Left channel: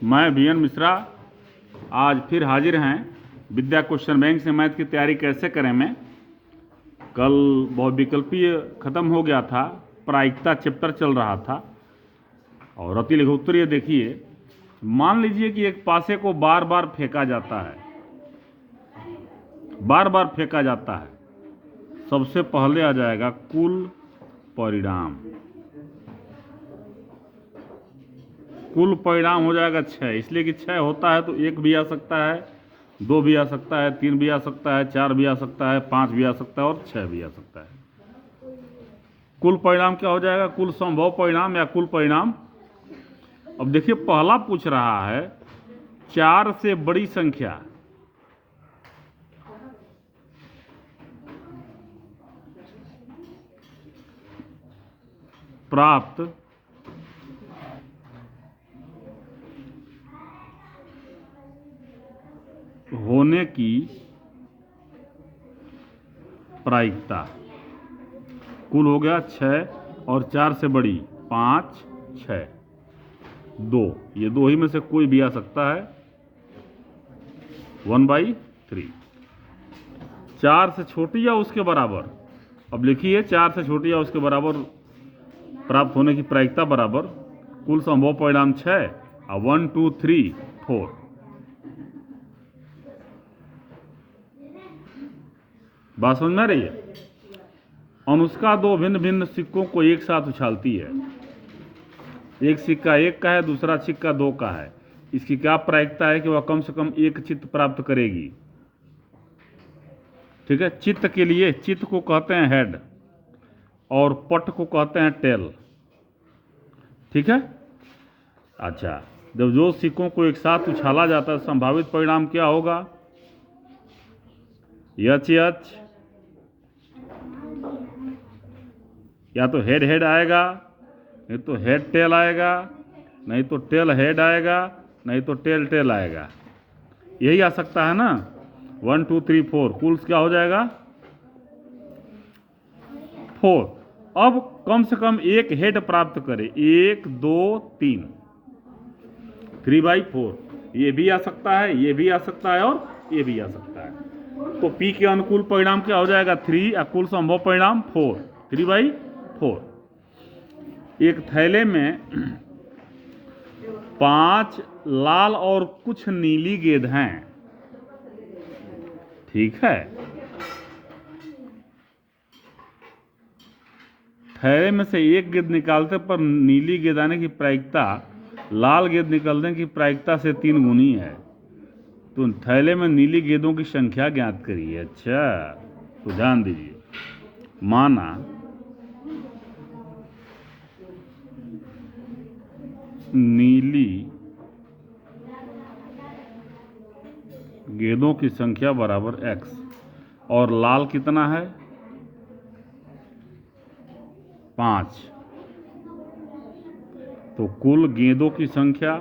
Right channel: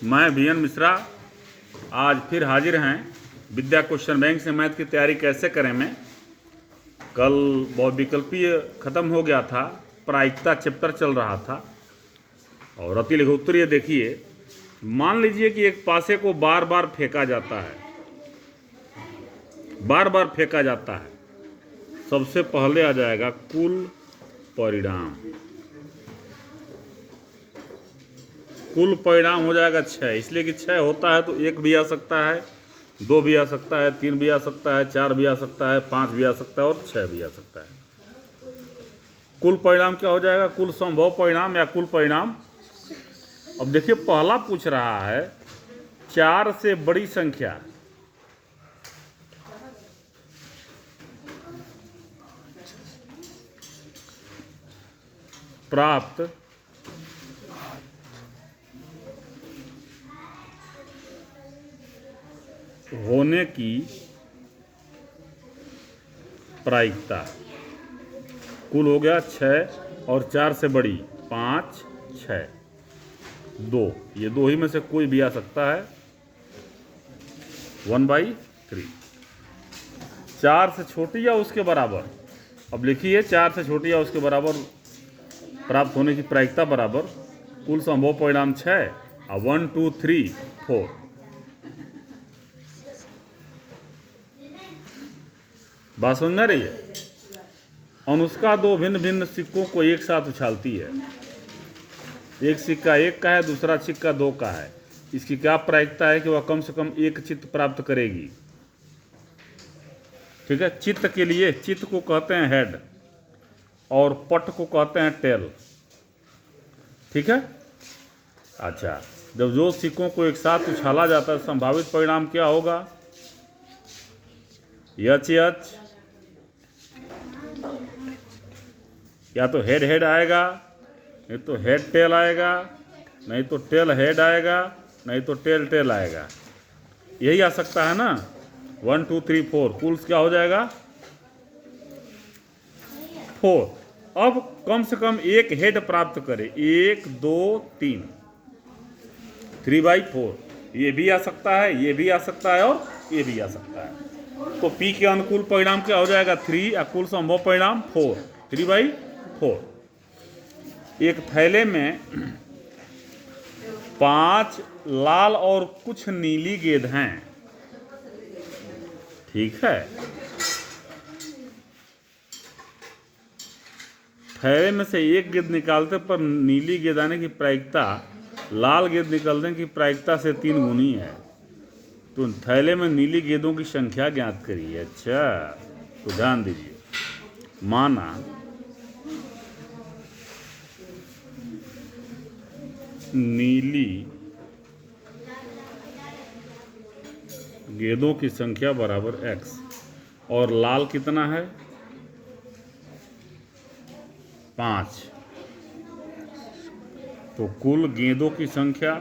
मैं वीएन मिश्रा आज फिर हाजिर हैं विद्या क्वेश्चन बैंक से मैथ की तैयारी कैसे करें में। कल बहुविकल्पीय ख़त्म हो गया था, प्रायिकता चैप्टर चल रहा था और अति लघुत्तरीय देखिए। मान लीजिए कि एक पासे को बार बार फेंका जाता है, बार बार फेंका जाता है। सबसे पहले आ जाएगा कुल परिणाम। कुल परिणाम हो जाएगा 6, इसलिए कि 6 होता है तो 1 भी आ सकता है, 2 भी आ सकता है, 3 भी आ सकता है, 4 भी आ सकता है, 5 भी आ सकता है और 6 भी आ सकता है। कुल परिणाम क्या हो जाएगा? कुल संभव परिणाम या कुल परिणाम। अब देखिए पहला पूछ रहा है 4 से बड़ी संख्या। प्राप्त होने की प्रायिकता। कुल हो गया 6 और 4 से बड़ी 5, 6, 2। ये 2 ही में से कोई भी आ सकता है। 1/3। 4 से छोटी या उसके बराबर। अब लिखिए 4 से छोटी या उसके बराबर प्राप्त होने की प्रायिकता बराबर कुल संभव परिणाम 6 और 1, 2, 3, 4। बात समझ में आ रही है? अनुष्का 2 भिन्न भिन्न सिक्कों को एक साथ उछालती है। एक सिक्का 1 का है, दूसरा सिक्का 2 का है। इसकी क्या प्रायिकता है कि वह कम से कम एक चित्त प्राप्त करेगी? ठीक है, चित्त के लिए चित्त को कहते हैं हेड और पट को कहते हैं टेल। ठीक है। अच्छा, जब दो सिक्कों को एक साथ उछाला जाता है संभावित परिणाम क्या होगा? एच एच, या तो हेड हेड आएगा, नहीं तो हेड टेल आएगा, नहीं तो टेल हेड आएगा, नहीं तो टेल टेल आएगा। यही आ सकता है ना। 1, 2, 3, 4 कुल क्या हो जाएगा? 4। अब कम से कम एक हेड प्राप्त करे। 1, 2, 3, 3/4। ये भी आ सकता है, ये भी आ सकता है और ये भी आ सकता है। तो P के अनुकूल परिणाम क्या हो जाएगा? 3 और कुल संभव परिणाम 4। 3/4। एक थैले में 5 लाल और कुछ नीली गेंद हैं। ठीक है। थैले में से एक गेंद निकालते पर नीली गेंद आने की प्रायिकता लाल गेंद निकलने की प्रायिकता से 3 गुनी है। तो थैले में नीली गेंदों की संख्या ज्ञात करिए। अच्छा, तो ध्यान दीजिए। माना नीली गेंदों की संख्या बराबर x और लाल कितना है? 5। तो कुल गेंदों की संख्या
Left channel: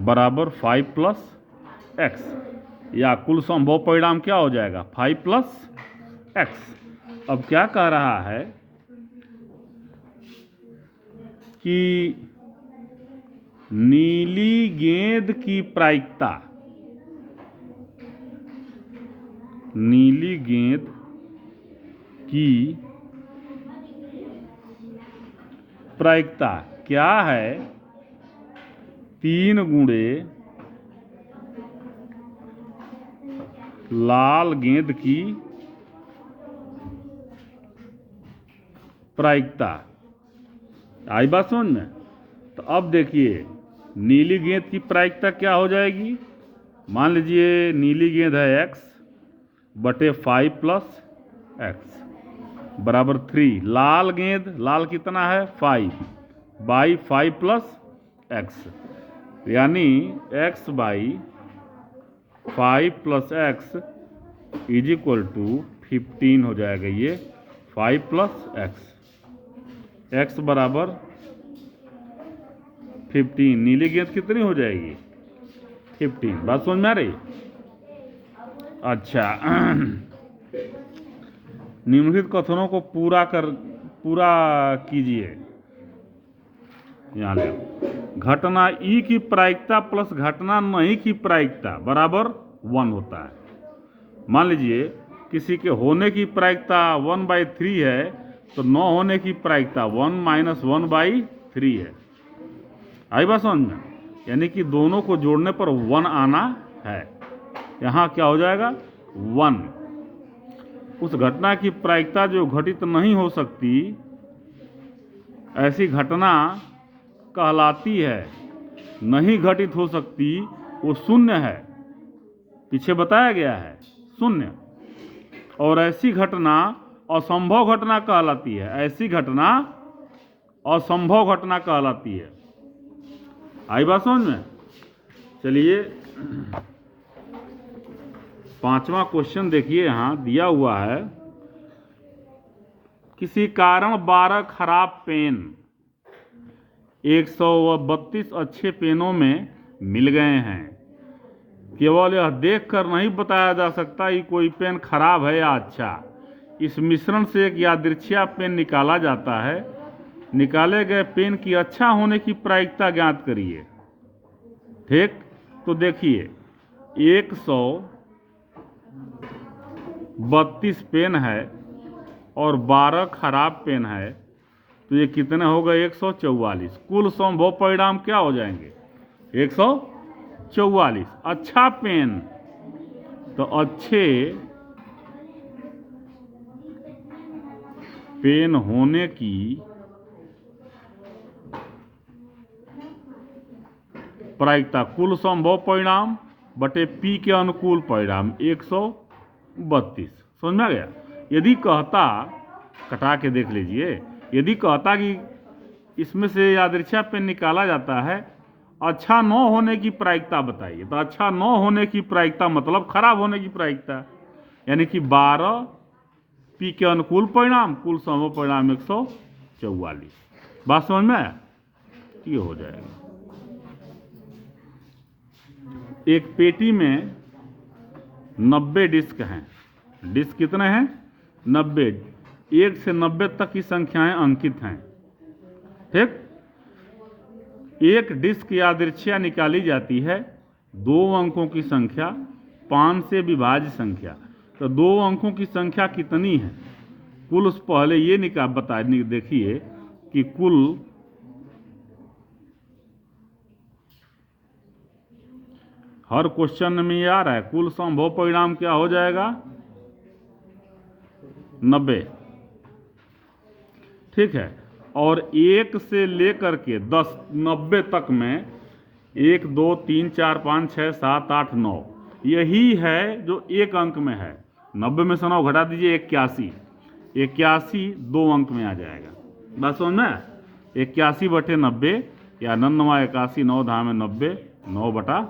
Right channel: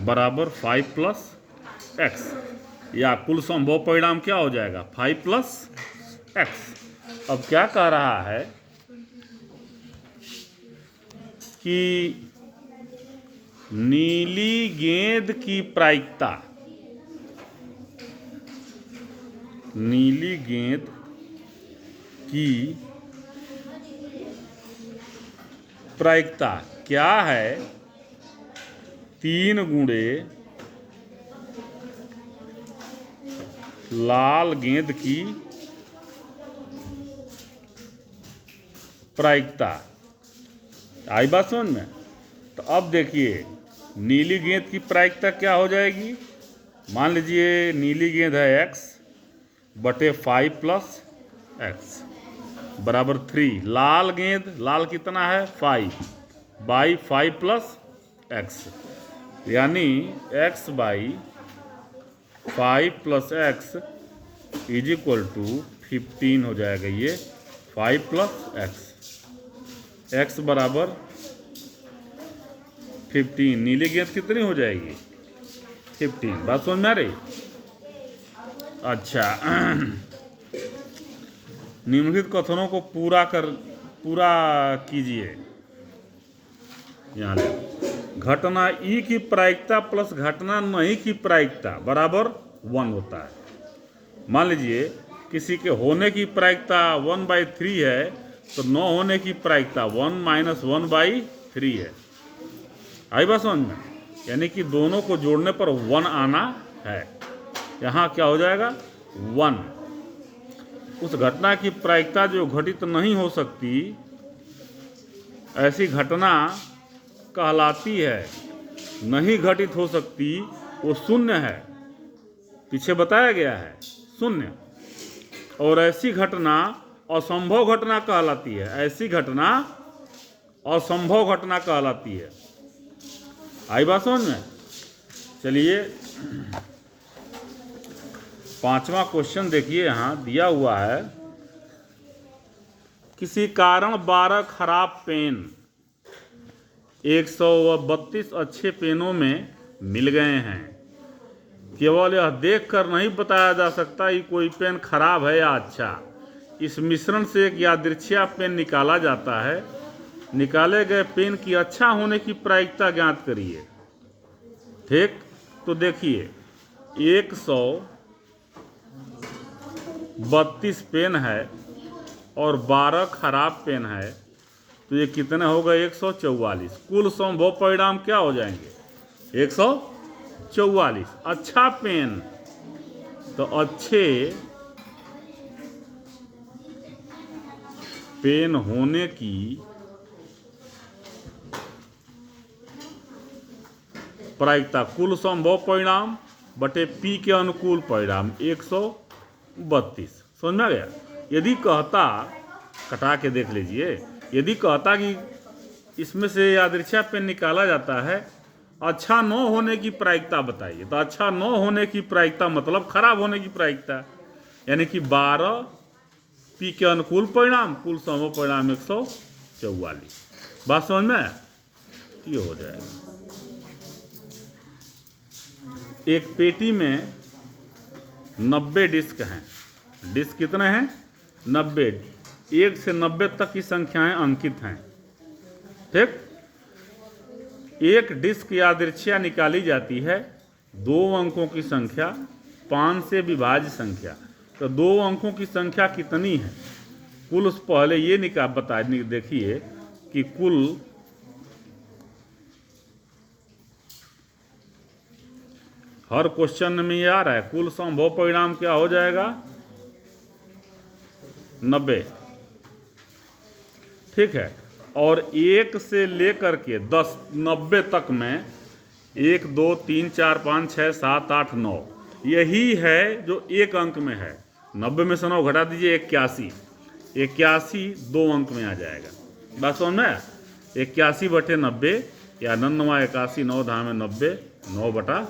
बराबर 5 + x, या कुल संभव परिणाम क्या हो जाएगा? 5 + x। अब क्या कह रहा है कि नीली गेंद की प्रायिकता, नीली गेंद की प्रायिकता क्या है? 3 गुणे लाल गेंद की प्रायिकता। आई बात समझ में? तो अब देखिए नीली गेंद की प्रायिकता क्या हो जाएगी? मान लीजिए नीली गेंद है x बटे 5 + x बराबर 3। लाल गेंद, लाल कितना है? 5/5 + x, यानी x/5 + x = 15 हो जाएगा। ये 5 + x, x बराबर 15। नीली गेंद कितनी हो जाएगी? 15। बात समझ में आ रही? अच्छा, निम्नलिखित कथनों को पूरा कर पूरा कीजिए। यहाँ ले घटना ई की प्रायिकता प्लस घटना नहीं की प्रायिकता बराबर 1 होता है। मान लीजिए किसी के होने की प्रायिकता 1/3 है तो न होने की प्रायिकता 1 - 1/3 है। आई बात समझ में? यानी कि दोनों को जोड़ने पर 1 आना है। यहाँ क्या हो जाएगा 1। उस घटना की प्रायिकता जो घटित नहीं हो सकती ऐसी घटना कहलाती है। नहीं घटित हो सकती वो शून्य है, पीछे बताया गया है शून्य। और ऐसी घटना असंभव घटना कहलाती है। ऐसी घटना असंभव घटना कहलाती है। आई बात समझ में? चलिए 5वां क्वेश्चन देखिए, यहाँ दिया हुआ है किसी कारण 12 खराब पेन 132 अच्छे पेनों में मिल गए हैं। केवल यह देखकर नहीं बताया जा सकता कि कोई पेन खराब है या अच्छा। इस मिश्रण से एक यादृच्छिक पेन निकाला जाता है। निकाले गए पेन की अच्छा होने की प्रायिकता ज्ञात करिए। ठीक, तो देखिए 132 पेन है और 12 खराब पेन है तो ये कितने हो गए 144। कुल संभव परिणाम क्या हो जाएंगे 144। अच्छा पेन तो अच्छे पेन होने की प्रायिकता कुल संभव परिणाम बटे पी के अनुकूल परिणाम 132। समझ में आ गया? यदि कहता, कटा के देख लीजिए, यदि कहता कि इसमें से यादृच्छिक पेन निकाला जाता है, अच्छा न होने की प्रायिकता बताइए, तो अच्छा न होने की प्रायिकता मतलब खराब होने की प्रायिकता, यानी कि 12 पी के अनुकूल परिणाम कुल संभव परिणाम 144। बात समझ में? ये हो जाएगा। एक पेटी में 90 डिस्क हैं। डिस्क कितने हैं 90। 1 से 90 तक की संख्याएं अंकित हैं। ठीक, एक डिस्क यादृच्छिक निकाली जाती है 2 अंकों की संख्या 5 से विभाज्य संख्या। तो 2 अंकों की संख्या कितनी है कुल, उस पहले ये बता देखिए कि कुल हर क्वेश्चन में ये आ रहा है कुल संभव परिणाम क्या हो जाएगा 90। ठीक है, और 1 से लेकर के 10 90 तक में 1 2 3 4 5 6 7 8 9 यही है जो एक अंक में है। 90 में से 9 घटा दीजिए 81। 81 2 अंक में आ जाएगा। बस समझ में? 81 बटे 90 या 9 81 9 धाम 90 9 बटा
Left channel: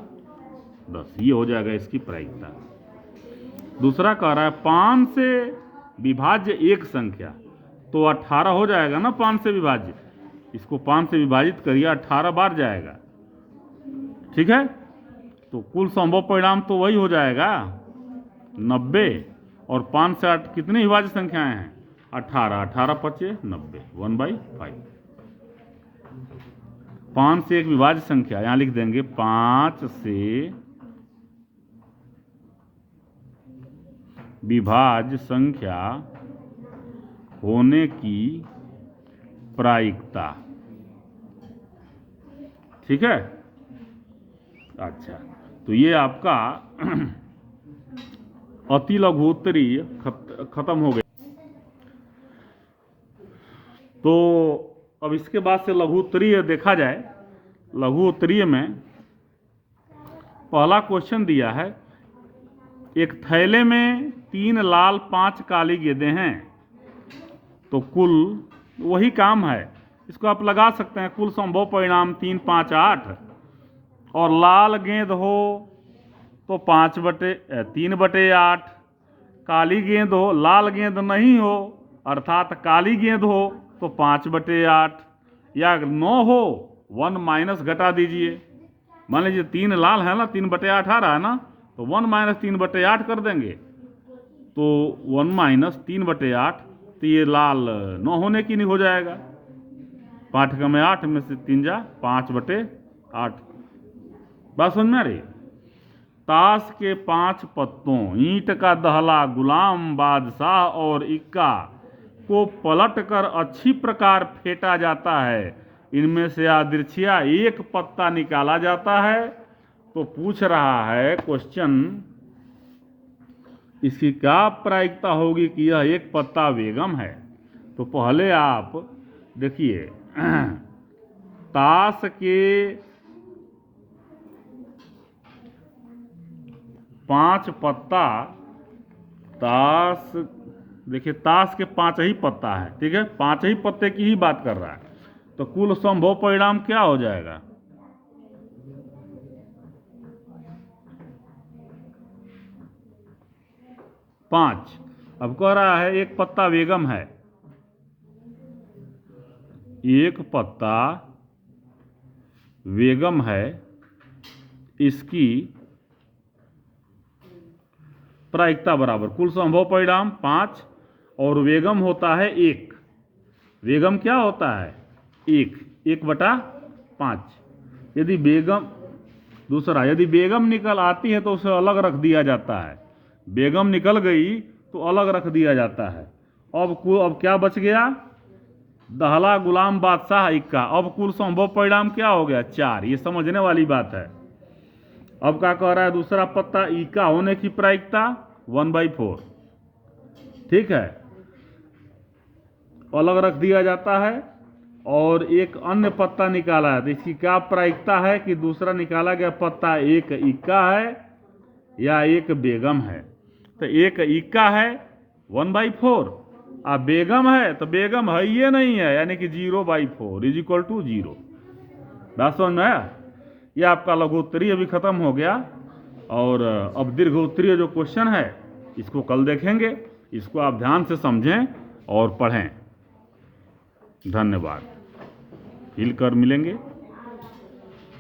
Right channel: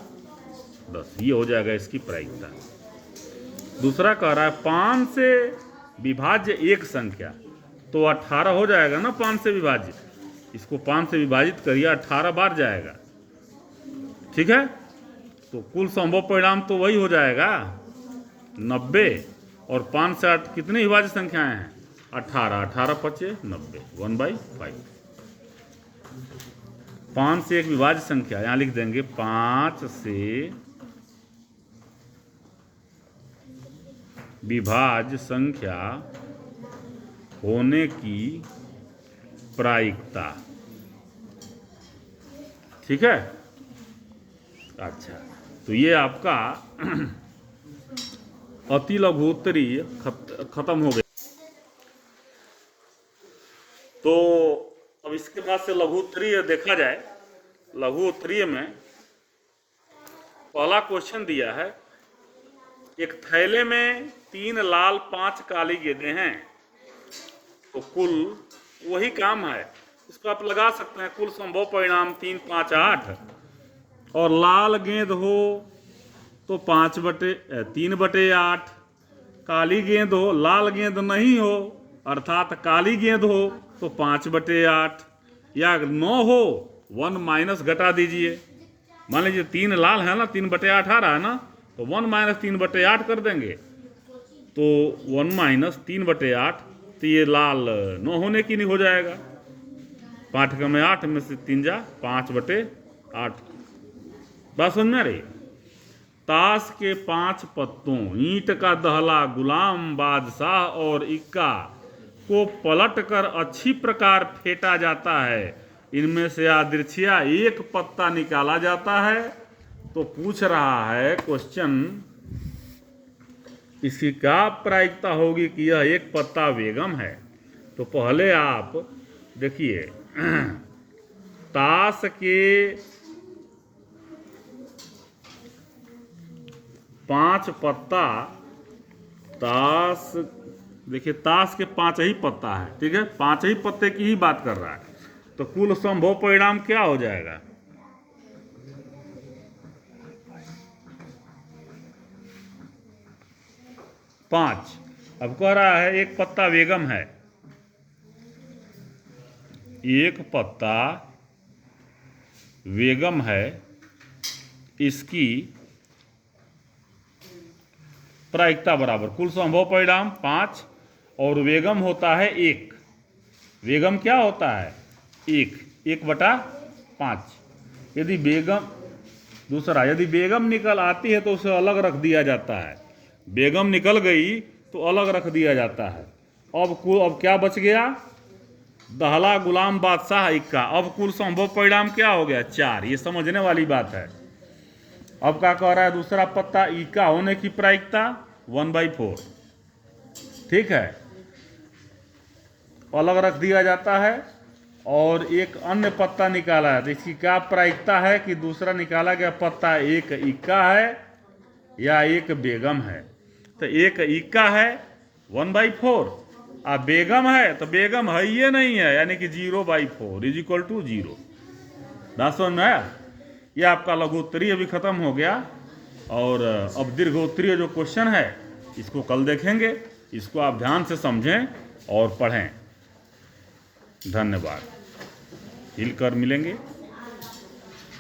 10 ये हो जाएगा इसकी प्रायिकता। दूसरा कह रहा है 5 से विभाज्य एक संख्या, तो 18 हो जाएगा ना 5 से विभाज्य। इसको 5 से विभाजित करिए 18 बार जाएगा। ठीक है, तो कुल संभव परिणाम तो वही हो जाएगा 90। और 5 से 8 कितनी विभाज्य संख्याएं हैं 18। 18 पचे 90 1/5। 5 से एक विभाज्य संख्या यहां लिख देंगे 5 से विभाज्य संख्या होने की प्रायिकता। ठीक है, अच्छा, तो ये आपका अति लघु उत्तरीय खत्म हो गया। तो अब इसके बाद से लघु उत्तरीय देखा जाए। लघु उत्तरीय में पहला क्वेश्चन दिया है एक थैले में 3 लाल 5 काली गेंदें हैं, तो कुल वही काम है, इसको आप लगा सकते हैं। कुल संभव परिणाम 3 5 8 और लाल गेंद हो तो 3/8, काली गेंद हो, लाल गेंद नहीं हो अर्थात काली गेंद हो तो 5/8, या 9 हो 1 माइनस घटा दीजिए। मान लीजिए 3 लाल है ना 3/8 आ रहा है ना, तो 1 - 3/8 कर देंगे तो 1 - 3/8 तो ये लाल 9 होने की नहीं हो जाएगा। 5 में 8 में से 3 जा 5/8। बात समझ में आ रही? ताश के 5 पत्तों, ईंट का दहला, गुलाम बादशाह और इक्का को पलटकर अच्छी प्रकार फेंटा जाता है। इनमें से यादृच्छिया एक पत्ता निकाला जाता है। तो पूछ रहा है क्वेश्चन, इसकी क्या प्रायिकता होगी कि यह एक पत्ता बेगम है? तो पहले आप देखिए, ताश के 5 पत्ता, ताश देखिए ताश के 5 ही पत्ता है, ठीक है, 5 ही पत्ते की ही बात कर रहा है। तो कुल संभव परिणाम क्या हो जाएगा? पांच। अब कह रहा है एक पत्ता बेगम है, एक पत्ता बेगम है, इसकी प्रायिकता बराबर कुल संभव परिणाम 5 और बेगम होता है 1। बेगम क्या होता है? 1/5। यदि बेगम दूसरा, यदि बेगम निकल आती है तो उसे अलग रख दिया जाता है। बेगम निकल गई तो अलग रख दिया जाता है। अब क्या बच गया? दहला, गुलाम बादशाह, इक्का। अब कुल संभव परिणाम क्या हो गया? 4। ये समझने वाली बात है। अब क्या कह रहा है? दूसरा पत्ता इक्का होने की प्रायिकता 1/4, ठीक है, अलग रख दिया जाता है। और एक अन्य पत्ता निकाला है, तो इसकी क्या प्रायिकता है कि दूसरा निकाला गया पत्ता एक इक्का है या एक बेगम है? तो एक इक्का है 1/4, और बेगम है तो बेगम है ये नहीं है, यानी कि 0/4 = 0। बात समझ में आया? यह आपका लघुत्तरीय अभी खत्म हो गया। और अब दीर्घोत्तरीय जो क्वेश्चन है इसको कल देखेंगे। इसको आप ध्यान से समझें और पढ़ें। धन्यवाद। हिल कर मिलेंगे।